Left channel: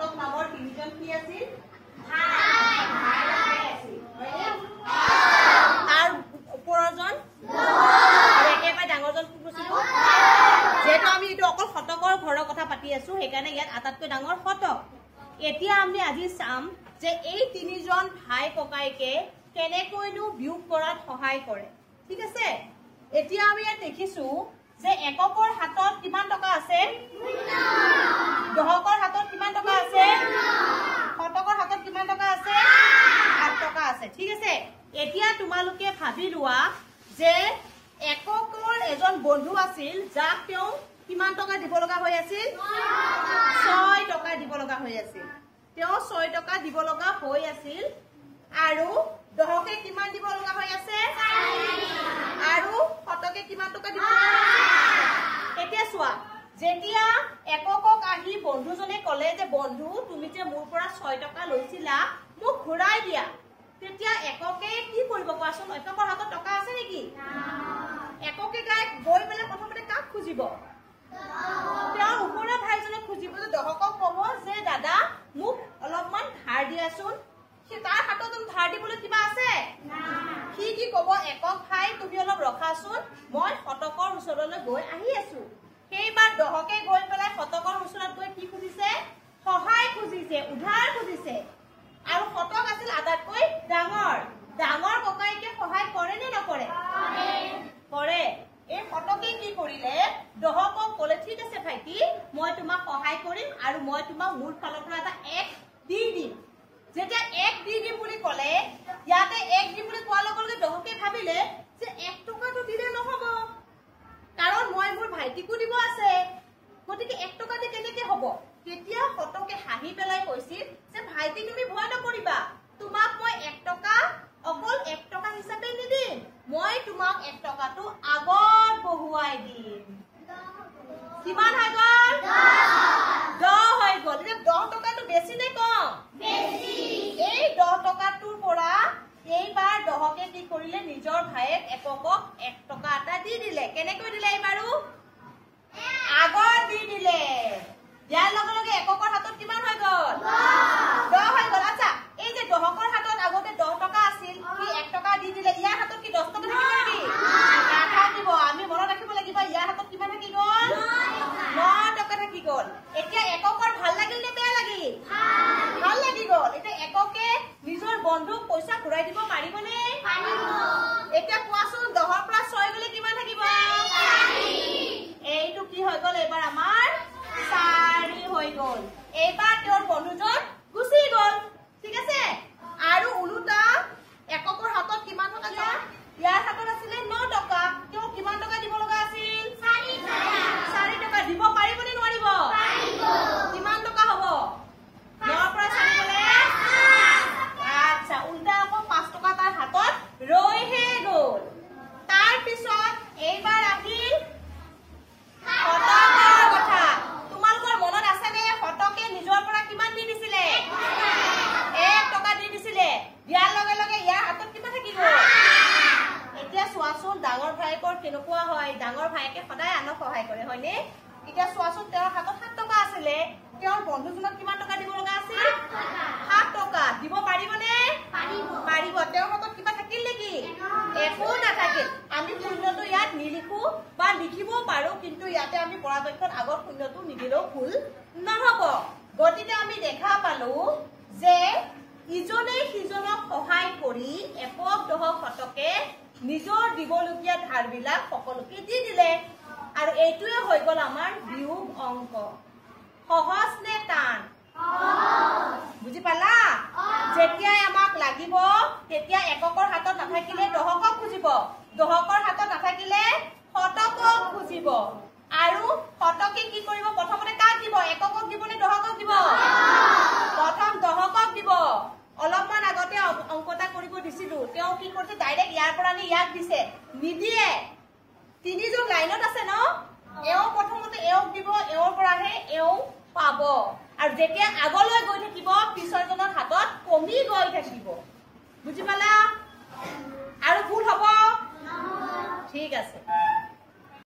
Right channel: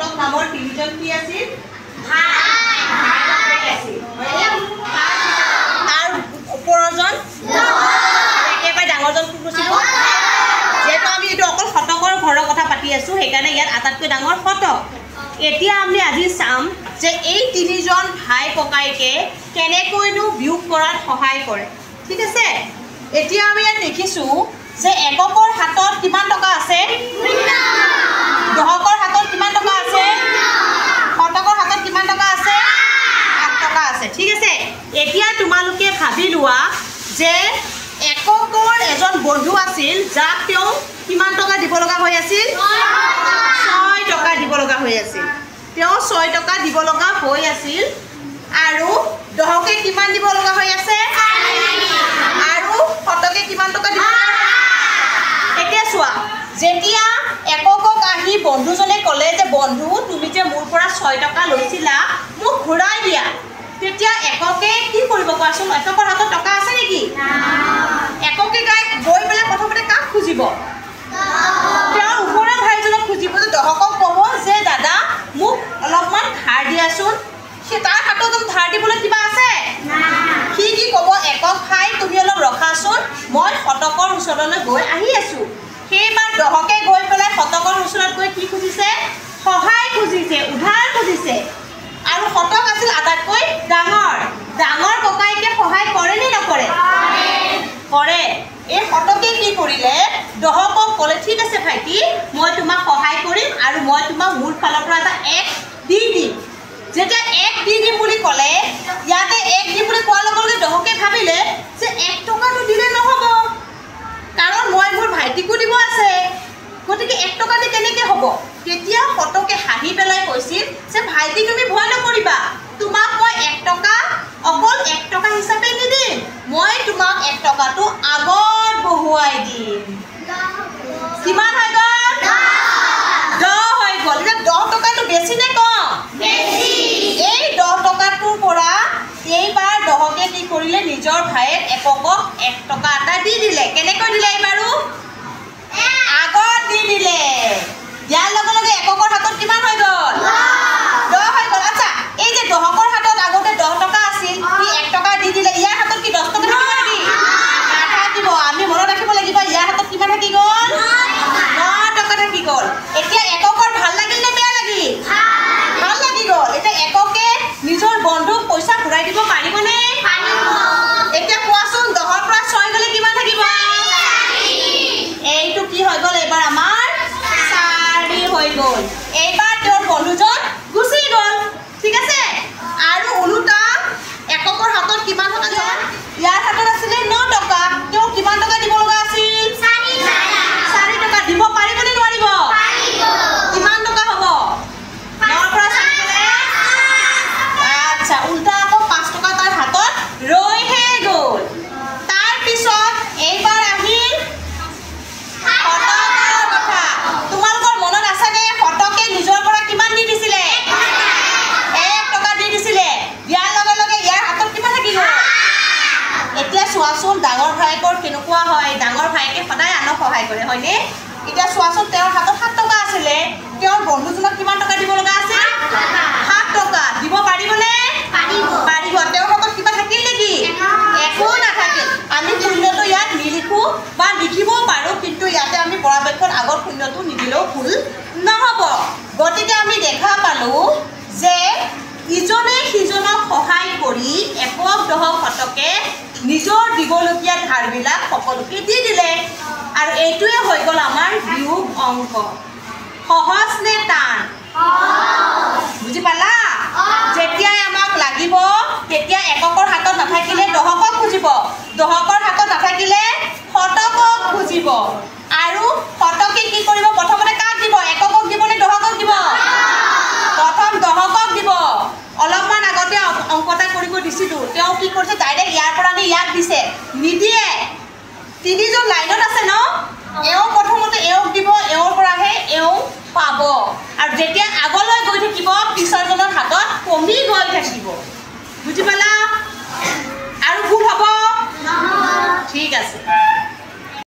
শতক নামৰ তিনিজন কি আছিল তাৰ ওপৰজন একেবাৰে ডাঙৰজন কোন কৈছিলো যেহেতু আমি এইটো অকল শতকৰ ঘৰৰ কথা পাতি আছো সেইকাৰণে ইয়াত আটাইতকৈ ডাঙৰ শতক এতিয়া আমি আজি চাম যে এই তিনিজন ভাই ককাইকে কেনেকৈনো বিয়োগ কৰাত সহায় কৰে ঠিক আছে এতিয়া আমি ইয়াত দেখিছো যে এককৰ হাতত কিমান টকা আছে দহকৰ হাতত কিমান টকা আছে শতকৰ হাতত কিমান টকা আছে 8 টকা আছে ঠিক আছে এতিয়া তোমালোকে ভাবি লোৱা যে এককৰ এজন বন্ধু আছিল যাক তেওঁ কিমান টকা দিব লগা হৈ আছিল 6 টকা দিব লগা হৈ আছিল তেওঁ 6 টকা দিব লগা হৈ আছিল আৰু দহকে কিমান দিব লগা হৈ আছে আৰু শতকে কিমান টকা দিব এতিয়া চোৱা যেতিয়া এককক আহি বন্ধুজনে ক'লে যে বন্ধু তুমি যে মোৰ পৰা 6 টকা লৈছিলা মোক ঘূৰাই দিয়া তেতিয়া এককে কি কৰিব কোৱাচোন একৰ হাতত টকা আছে নেকি এককে গৈ পেলাই প্ৰথমতে কাক খুজিব তেওঁৰ ওপৰৰ ভাইজনক খুজিব যে দহকক ক'ব যে দাদা মোক অলপমান ধাৰ দিয়াচোন সে তাৰ হাতত ধাৰ দিবলৈ কিবা আছে সি কি ক'ব একক ভাই তুমি অলপ ৰখাচোন মই শতকৰ ওচৰলৈ গৈ আহি আছো সেইবাৰ দহকে গৈ পেলাই শতকৰ ওচৰত গৈ কি খুজিছে সহায় খুজিছে উধাৰ খুজিছে আৰু শতক আছিল আটাইতকৈ ডাঙৰ ককাইকে সহায় কৰে নে নকৰে কৰে এই শতকে কি কৰিলে দহকক ক'লে ঠিক আছে ভাইটি মই তোমাক সহায় কৰিম আৰু মই তোমাক মোৰ ফালৰ পৰা এটা 1 দি দিম যেতিয়া 1 দি দিম বুলি ক'লে ইয়াতে 1 দি বুলি কোৱাৰ লগে লগে দহকে ভাবিলে যে 1 টকাটো দিলে নহ'ব কাৰণ মই মোৰ ভাইটিকো দিব আছে গতিকে 1 টকা দি কেনেকৈ হ'ব তেতিয়া শতকে হাঁহি পেলাই কৈছিল যে ভাইটি তুমি ভয় নকৰিবা তোমাক মই 1 টকা অকল 1 টকা হিচাপে নিদিম মই তোমাক 1 টকাটো আগত বহুৱাই দিম কিমান হৈ গ'ল 10 হৈ গ'ল এতিয়া 10 টকাটো বেছি নে কম বেছি এই 10 টকাটোৰ পৰা এইবাৰ দহকে কি কৰিলে নিজৰ ভাইক এককক 1 টকা এটা দি দিলে কেনেকৈ দিলে এইবাৰো আগত দি দিলে ইয়াৰ লগে লগে এককৰ হাতত কিমান হৈ গ'ল 10 হৈ গ'ল আচ্ছা এই যে দহকৰ হাতত আগতে 10 টকা আছিল কি 1 টকা দি দিলে ইয়াৰ হাতত কি 10 টকা থাকিব নেকি নাথাকিব আমি মনত ৰাখিব লাগিব ইয়াৰ হাতত কিমান থাকি গ'ল 9 টকা থাকি গ'ল এতিয়া এককৰ ভাল লাগিল নে বেয়া লাগিল ভাল লাগি গ'ল এতিয়া এককে নিজৰ বন্ধুক পইচা ঘূৰাই দিব পাৰিবনে এতিয়া কোৱাচোন 10ৰ পৰা 6 গ'লে কিমান থাকিব এইটো কি হৈ গ'ল এবাৰ আমাৰ 4 হৈ গ'ল এইবাৰ তেওঁৰ বন্ধুজন গুচি গ'ল ঠিক আছে আৰু ওলোটা এককৰ হাতত কিমান টকা গ'ল ইয়াৰ হাতত আছিলে 9 টকা তেওঁ কিমান টকা দিব লগা আছিল 4 টকা দিব পাৰিবনে নোৱাৰিব কিমান টকা হ'ব 9ৰ পৰা 4 গ'লে আচ্ছা উল্টা আকৌ 5 টকা তাৰ হাতত ৰৈহে গ'ল তাৰ পিছত এইবাৰ আহিল শতকৰ কথা তোমালোকৰ মনত আছেনে শতকে নিজৰ পৰা কিমান দি দিছিলে 1 টকা দি দিছিলে ইয়াৰ লগে লগে ইয়াৰ হাতত কিমান থাকি গ'ল এতিয়া চোৱাচোন ডাঙৰ ভাইকৰ কেনেকুৱা হয় ডাঙৰ ভাইকে সদায় আনক সহায় কৰে হয়নে এতিয়া চোৱাচোন তেওঁৰ হাতত 7 টকা আছিলে তেওঁৰ বন্ধুজনক কিমান টকা দিব লগা আছিল 7 টকা দিব পাৰিবনে পাৰিব তেওঁৰ হাতত কিবা থাকিল নেকি একো নাথাকিল আমি শূন্যটো ইয়াত নিলিখো বা লিখিবও পাৰোঁ কিন্তু ইয়াতে আমি পৰাপক্ষত আগৰ শূন্যটো নিদিলেও ভুল নহ'ব গতিকে আমি দেখা পালোঁ যে ইজনে সিজনক সহায় কৰি একক দহক শতকে নিজৰ দিবলগীয়া ধাৰবিলাক সকলোকে দি দিলে আৰু এইটোৱে হৈ গ'ল আমাৰ বিয়োগ অংক সহজ নে টান বুজি পালা যেতিয়াই আমাক লাগিব তেতিয়া এককৰ হাতত নাথাকিলে দহকক খুজিব দহকৰ হাতত নাথাকিলে শতকক খুজিব আৰু শতকে কি কৰিব প্ৰথমতে কাক দিব এককক দিব নে দহকক দিব প্ৰথম দহকক দিব অলপমান আগতে অংকটা কৰিব দিছিলোঁ তেওঁ কি কৰিছে ডাইৰেক্ট ইয়াৰ পৰা নি ইয়াক দিছে নিদিয়ে তিনিজন লাইনত আছে ন